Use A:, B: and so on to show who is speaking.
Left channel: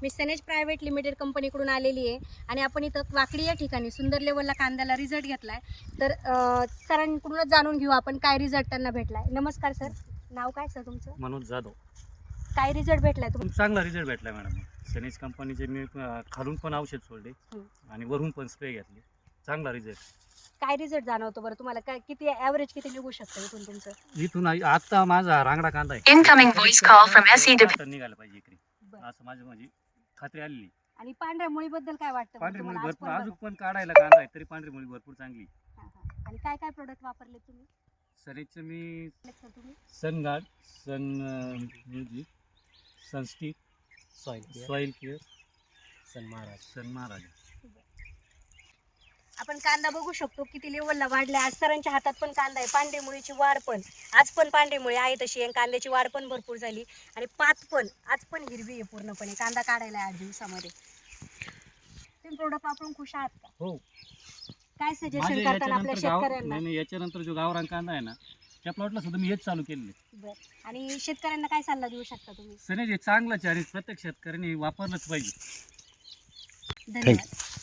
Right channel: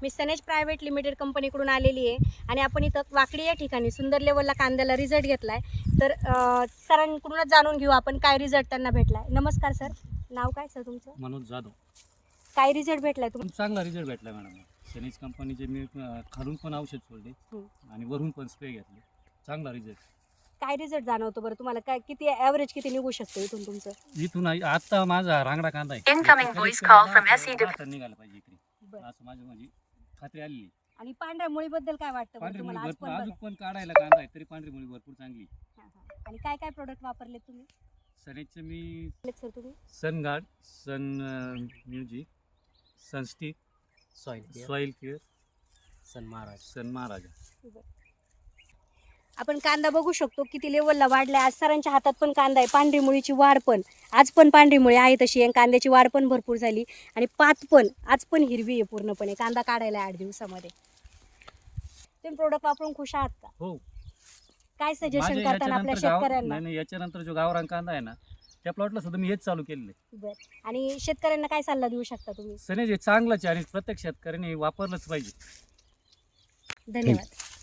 A: मी सनेज private limited कंपनीकडून आलेली आहे आणि आपण इथं वाकडी या ठिकाणी सुंदर लेवलला कांद्याला रिझल्ट घेतला आहे. तर सरांकडूनच जाणून घेऊ आपण काय रिझल्ट त्यांना भेटला आहे. नमस्कार सर, नाव काय सर तुमचं?
B: मनोज जाधव.
A: काय रिझल्ट भेटलाय तुम्हाला?
B: चांगला रिझल्ट भेटला मॅडम. सनेज कंपनीचे मी खालून पण औषध सोडले आणि वरून पण स्प्रे घेतले. चांगला रिझल्ट.
A: काय रिझल्ट जाणवतो बरं तुम्हाला? काय किती ॲव्हरेज किती निघू शकतं इथून तुमचं?
B: इथून आता माझा रांगडा कांदा आहे.
C: Incoming voice call from SEW.
B: आता निघाला पाहिजे इकडे असं माझं म्हणजे खात्री आलेली.
A: आणि पांढऱ्या मुळीबद्दल काय वाटतं
B: पांढरी मुळी
A: तुम्हाला? आज
B: भरपूर
A: पण
B: अजून पण काढायला कांदा आहे तरी पांढरी मुळी भरपूर चांगली.
A: आणि काय काय प्रोडक्ट वापरले तुम्ही
B: सनेजचं मी
A: सर तुम्ही?
B: Sun guard, sun music, sunstick, soil care, sun Maharaj.
A: आपण कांदा बघू शकतो किती लेवलला वाढला. आज सरांच्या हातात पण कांदा आहे. पांढरी मुळीची वाढ पण आज पण पांढरी मुळी आहे तशी आहे. कांद्याची वाढ पण भरपूर झाली आणि पात पण आज पण हिरवी आहे पूर्णपणे. कांदा काढायला 8 दिवसामध्ये. तुम्ही प्रोडक्ट वापरून खुश आहात का?
B: हो.
A: काय सजेशन करताना आपल्या शेतकऱ्यांना?
B: नाही याच्यानंतर जो गावरान कांदा आहे ना त्या प्लॉटला सुद्धा मी हेच चालू केलेलं आहे.
A: बरं. आणि शेतकऱ्यांना काय सल्ला देऊ शकता तुम्ही?
B: सनेज हे चांगलंच आहे आणि प्रत्येक शेतकऱ्याने वापरलंच पाहिजे.
A: धन्यवाद.